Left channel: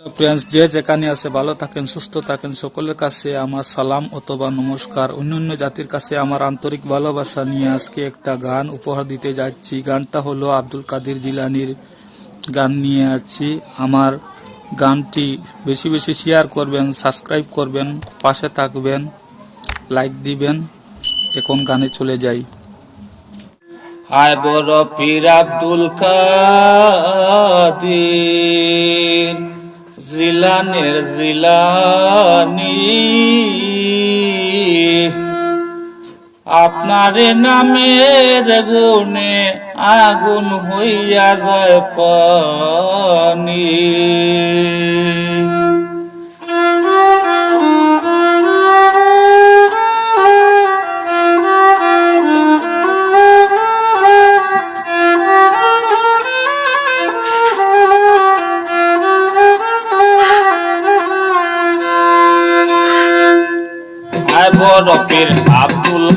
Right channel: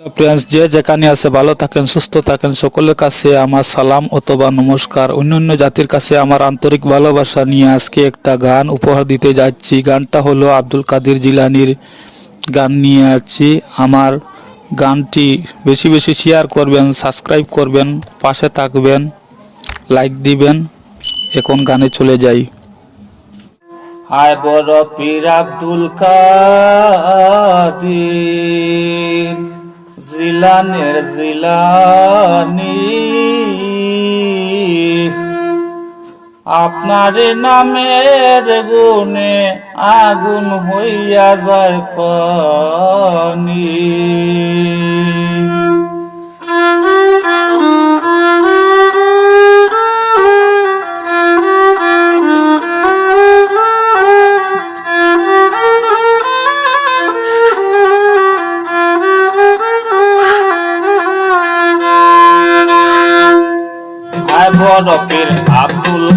Friends যে যেখানে আছে ভালো থাকেন, সুস্থ থাকেন, সকলের কাছে আমার সালাম অথবা নমস্কার। অন্যান্য জাতির কাছে আমার আন্তরিক ভালোবাসা নিয়ে আজকে একটা গান উপহার দিতে যাচ্ছি। গানটা হলো আব্দুল কাদির জিলানির গান নিয়ে আসছি। আমার গানটি বেশি বেশি শেয়ার করবেন সাবস্ক্রাইব করবেন, পাশে থাকবেন লাইক দিবেন, এখন গানে চলে যাই। হায় বড় পীর আব্দুল কাদের। জিলানের জিলানি আপনার নামের গুণে আগুন হইয়া যায় পানি।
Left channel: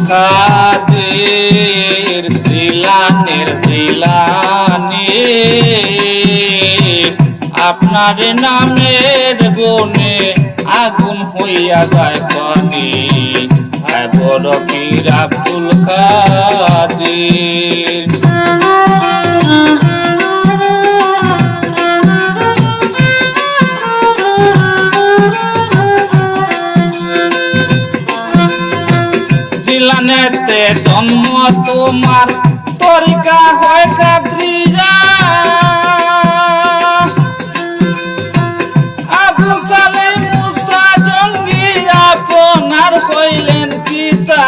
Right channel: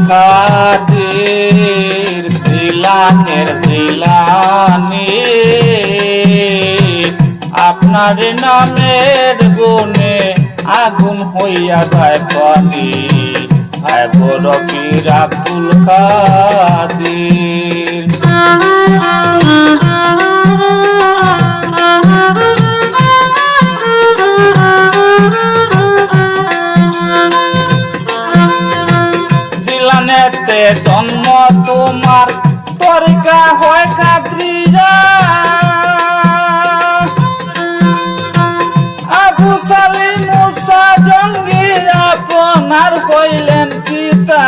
কাদের জিলানের জিলানি? আপনার নামের গুণে আগুন হইয়া যায় পানি। আয় বরফের আব্দুল কাদের। জিলানেতে জন্ম তোমার তরিকা হয় কাত্রিজা আবু সালে মুসা জঙ্গি আপনার হইলেন পিতা।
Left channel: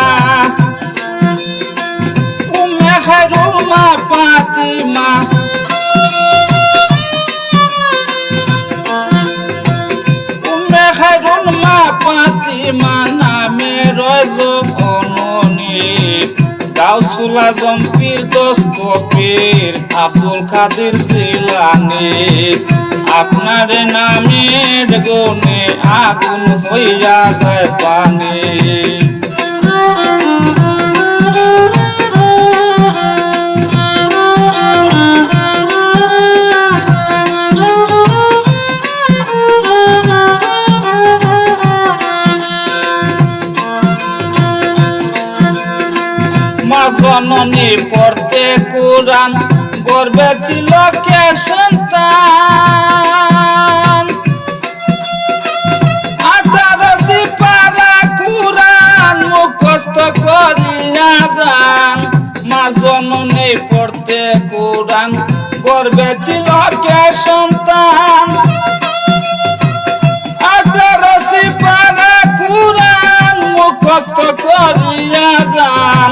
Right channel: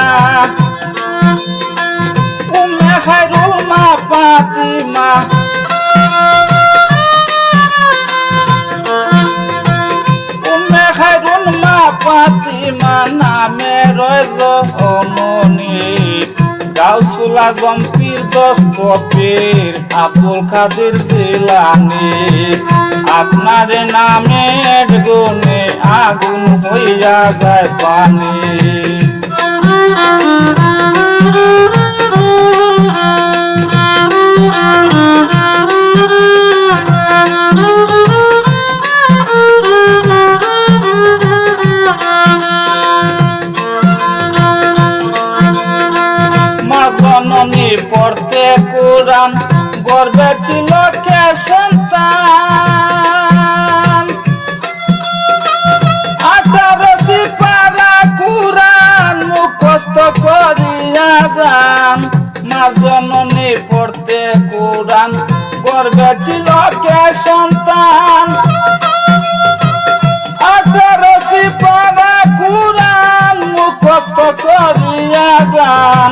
গাউসুল আজম পীর দস্ত পীর আব্দুল কাদের জিলানি। আপনার নামের গুণে আগুন হইয়া যায় পানি। কোরআন গর্বে ছিল কে সন্তান? আঠারোশি পারা কোরআন মুখস্থ করিয়া যান। মার জননী পড়তে কোরআন গর্বে ছিল কে সন্তান? আঠারোশি পারা কোরআন মুখস্থ করিয়া যান।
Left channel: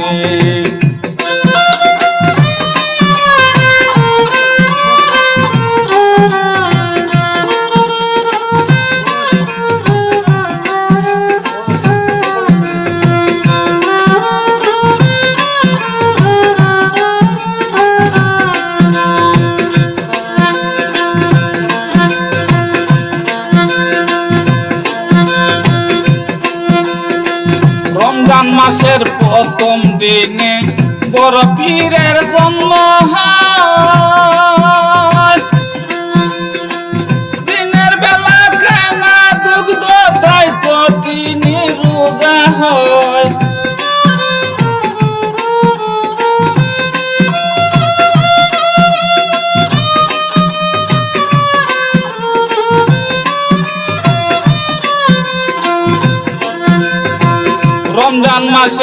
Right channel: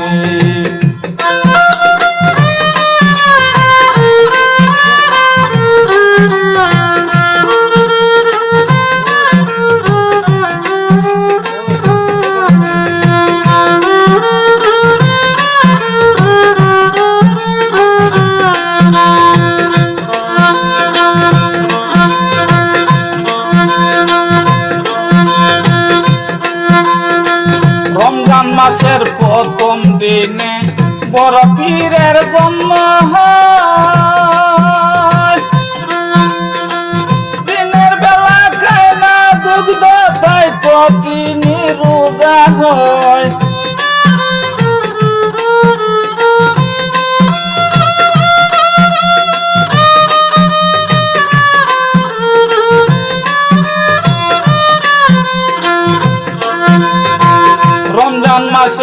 মাসের প্রথম দিনে বড় পীরের জন্ম হয়।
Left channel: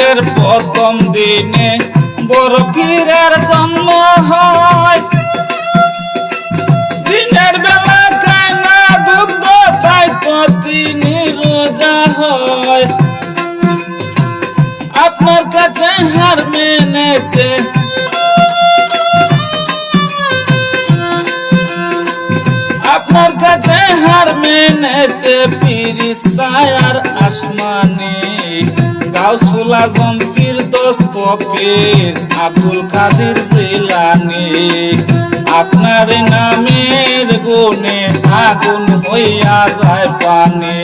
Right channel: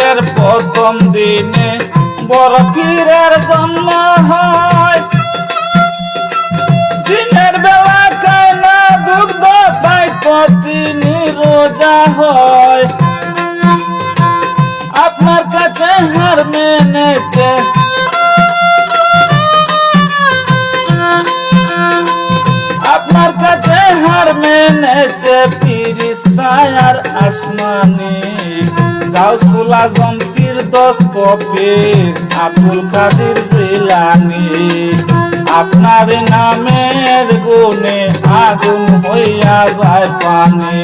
মাসের প্রথম দিনে বড় পীরের জন্ম হয়। দিনের বেলা খায় না দুগ্ধ তাই তো রোজা হয়। আপনার কাছে হার মেনেছে। আপনার কাছে হার মেনেছে পীর ফিরিস্তায় আর আসমানি। গাউসুল আজম পীর দস্তপীর আব্দুল কাদের জিলানি। আপনার নামের গুণে আগুন হইয়া যায় পানি।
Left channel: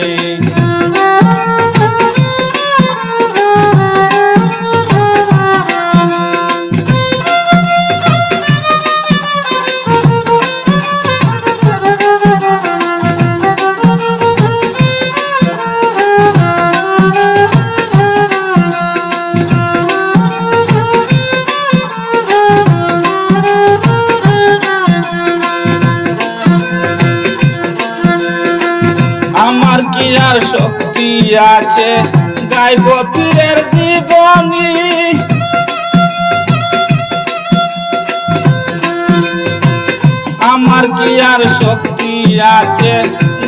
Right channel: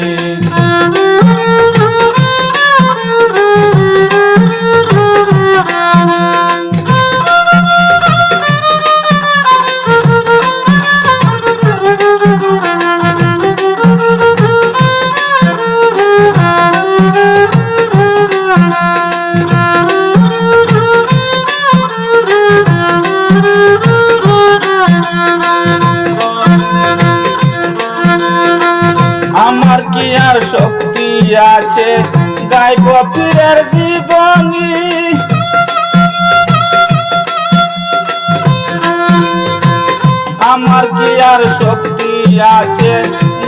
আর শক্তি আছে, গাইব পীরের জীবনী। আমার কি আর শক্তি আছে,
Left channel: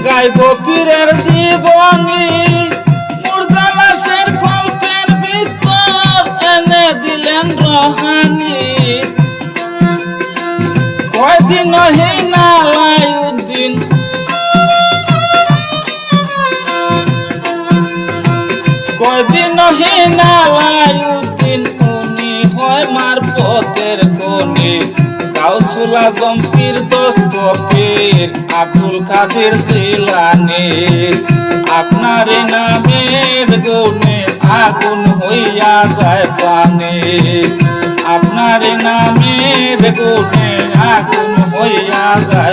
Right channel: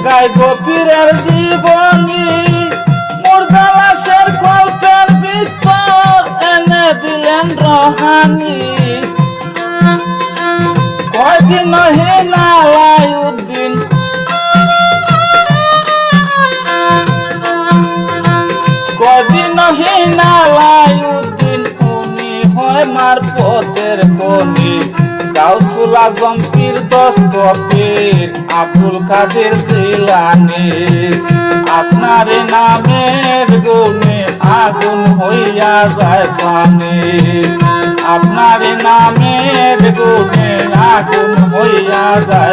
গাইব পীরের জীবনী? মুর্দালাসের ভিতর এনে দিলেন রহানি। কয়দিন হে আজম পীর দস্তপীর আব্দুল কাদের জিলানি। আপনার নামের গুণে আগুন হইয়া যায় পানি। আপনার নামের গুণে আগুন হইয়া যায়